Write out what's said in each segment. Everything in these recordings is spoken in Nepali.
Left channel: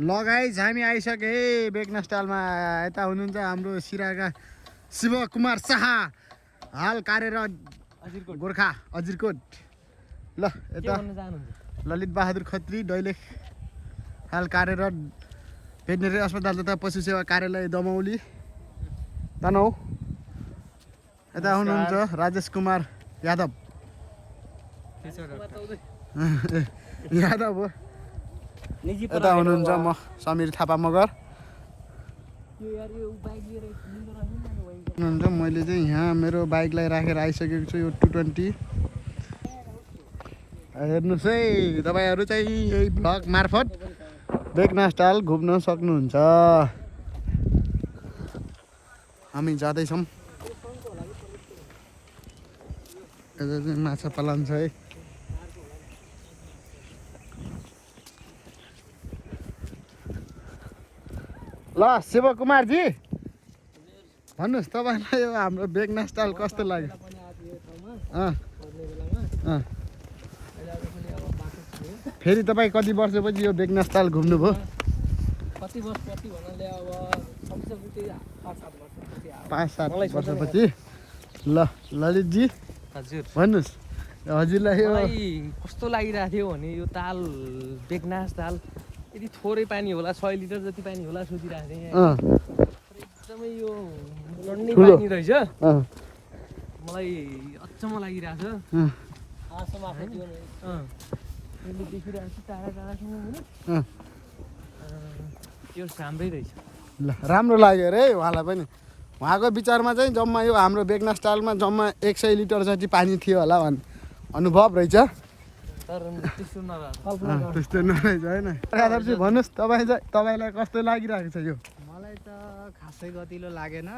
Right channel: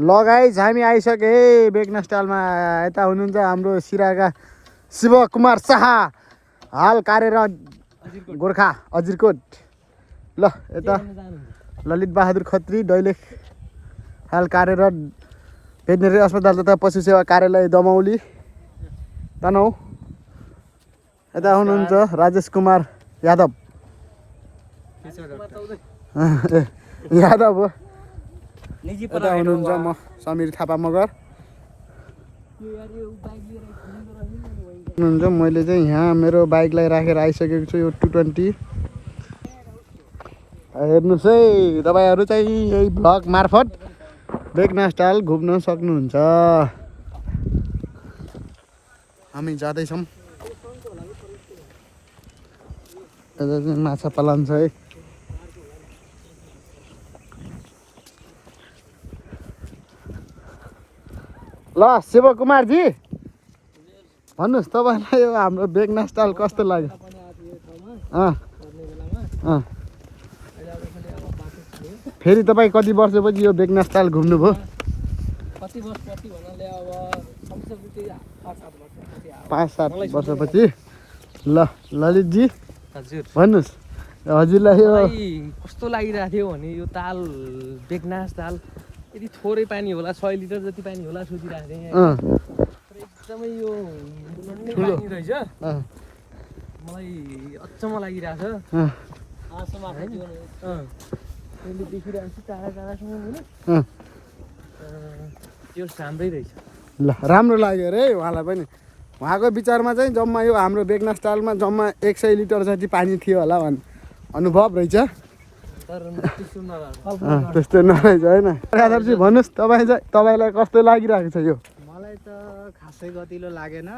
लगाइज हामी आइसके बेगना स्टाइलमा। यता हुनुहुन्छ हाम्रो सिराका शिव कुमार शाह, हाल कार्यरत गोर्खा अजिरकोट। ल यता ललित बहादुर खत्री दैलेख, हाल कार्यरत भेटनेरी अस्पताल तथा पशु सेवा कार्यालय दमौली तनहु। यता हुनुहुन्छ राजेश कुमार यादव यादव हो। यता हुनुहुन्छ म समीर थापा मगर हुनुहुन्छ। मैले चाहिँ यहाँ मेरो बाइकलाई राखेर आइसकेको छु। यो 220 हेर्नुहोस् है, तपाईँहरू चाहिँ यही भ्लग मार्फत बेगना स्टाइल घुम्न सक्नुहुन्छ। हामी जाँदैछौँ। यता चाहिँ माछा पालन छ है। ल शिव कुमारजी भन्नुहोस् तपाईँलाई यो हाम्रो बेगना स्टाइल कस्तो लाग्यो? फेरि तपाईँ कति वर्षपछि यो बेगना स्टाइल घुम्नुभयो? 5-7 वर्षपछि। ल ललितजी हजुर भन्नुहोस्, हजुरलाई यो कस्तो लागिरहेको थियो भने यो ताल बेगनास ताल यदि थोरै पानी होला 100 लिटर जति पानी होला सोधिरहेको थिएँ यहाँ। एकदमै यो लड्ने पानी रहेछ। मलाई अचम्म लागिरहेछ। मैले देखिरहेको छु टाढा टाढासम्म होइन त्यो राम्रै रहेछ। ल राम्रो लाग्यो अरे उहाँलाई पनि। उहाँको विचारमा चाहिँ जम्मा यो हाम्रो बेगना स्टाइलमा जम्मा 100 लिटर जति पानी थियो होला भन्ने अनुभव रहेछ। त्यस्तो नरहेछ होइन। यादवजी भन्नुहोस्, तपाईँलाई कस्तो लागिरहेको छ यो? मलाई त खासै गतिलो लागेन।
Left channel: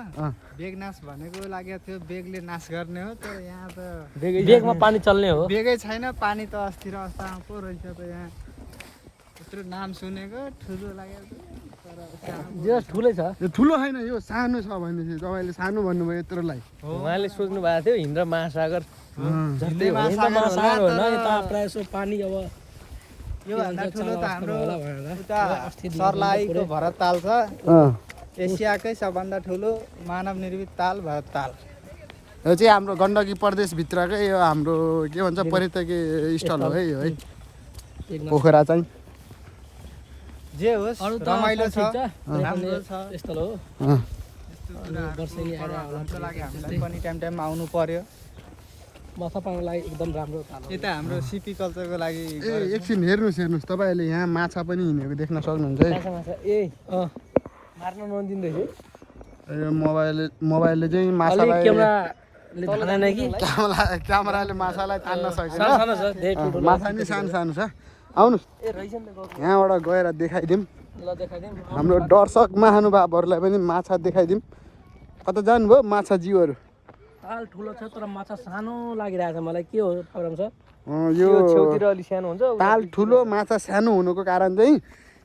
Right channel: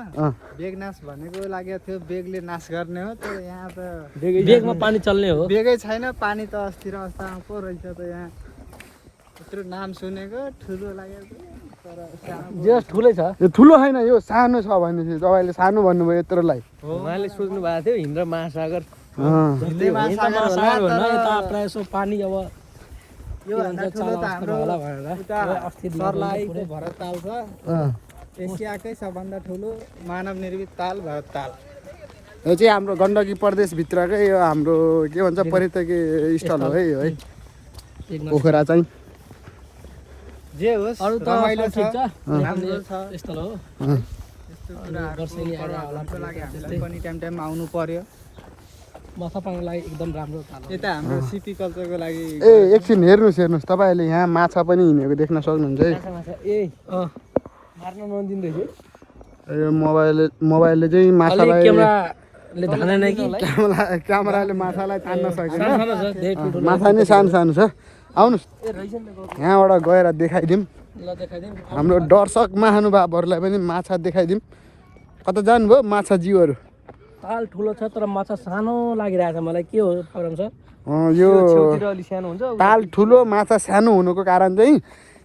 बेगनास भनेको लागेको थियो बेगले नाश गर्ने हो, तर यहाँ त बेगमा पानी चल्ने हो। बेगै छैन, पानी त अस्थिर अवस्थामा पो रहेछ त। यहाँ यत्रो नाम सुनेको ठुलो लागेको तर जो ठुलै छ। यो ठुलो होइन, यो सानो छ भनेपछि तपाईँले सानो भन्नुभयो यत्रोलाई। उहाँले सोच्नु भएको थियो हिन्द महासागर हिन्दै महासागर होला, तर यसो पानी अब यो भन्दा ठुलो त हाम्रो उता सर्लाहीको भरत ताल छ। एसियाकै सबभन्दा ठुलो मानव निर्मित ताल भरत ताल। यो चाहिँ हाम्रो गण्डकी प्रदेशभित्रकै यो हाम्रो के भन्छ पर्यटकीय स्थल हो है यो है पोखरा चाहिँ। जे होस् अरू त रमाइलो छ, राम्रो छ। यस्तो हो यस्तो कुराहरूको प्रभावको लागि हामीलाई पनि टाइम टाइममा आउनु पर्यो। माछा पाल्नको लागि एकदम राम्रो यता हाम्रो सिपी कल्चरको लागि। ए एकछिन हेर्नुहोस् तपाईँहरूले यहाँ माछा पनि हिँडेको देख्न सक्नुहुन्छ है। मार्न नदिँदैछ। यो मोबाइलले चाहिँ माछालाई क्यामेराले माछालाई तान्न सकेन। माछा नै सानो सानो छ। आउनुहोस् यहाँबाट गएर देखाइदिउँ। हाम्रो दर्शक महानुभावहरूलाई पनि माछा देखाइदिउँ। कता जानुभयो माछा जीवहरू? ताल ठुलो छ तर माछा सानो लागिरहेछ मलाई। के हो कारण छ? यो छेउतिर अलि सानो हुन्छ। ताल ठुलो माछा सानो हुनुको कारण चाहिँ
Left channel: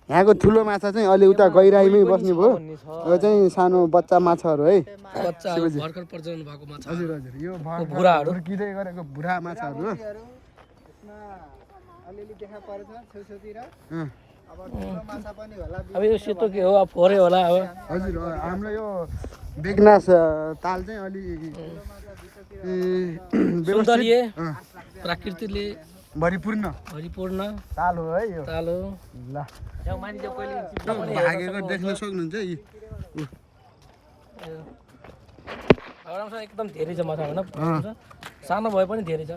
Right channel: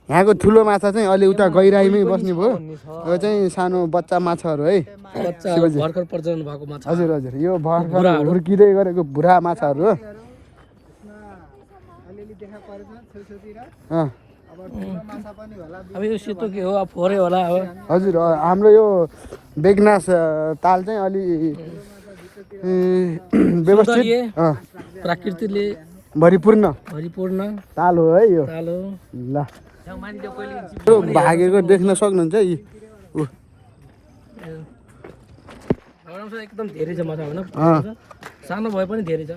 यहाँको ठुलो माछा चाहिँ अलि उता गहिराइमै बस्ने भयो। यो चाहिँ सानो बच्चा माछाहरू है, बच्चा भर्खर प्रजनन भएको माछा। हजुर हजुर, यो भर्खर हुर्किँदै गरेको बुढा माछाहरू हो। अब यो सेतो के हो? अब फोरे होला अब। हजुर हाम्रो यो बेगनास ताल चाहिँ अलि व्यवस्थित प्रकृतिले भरिपूर्ण ताल हो है यो। ल यो भागेको देख्न सक्नुहुन्छ यी एकदम धेरै छ माछा होइन। सानो भए पनि धेरै छ।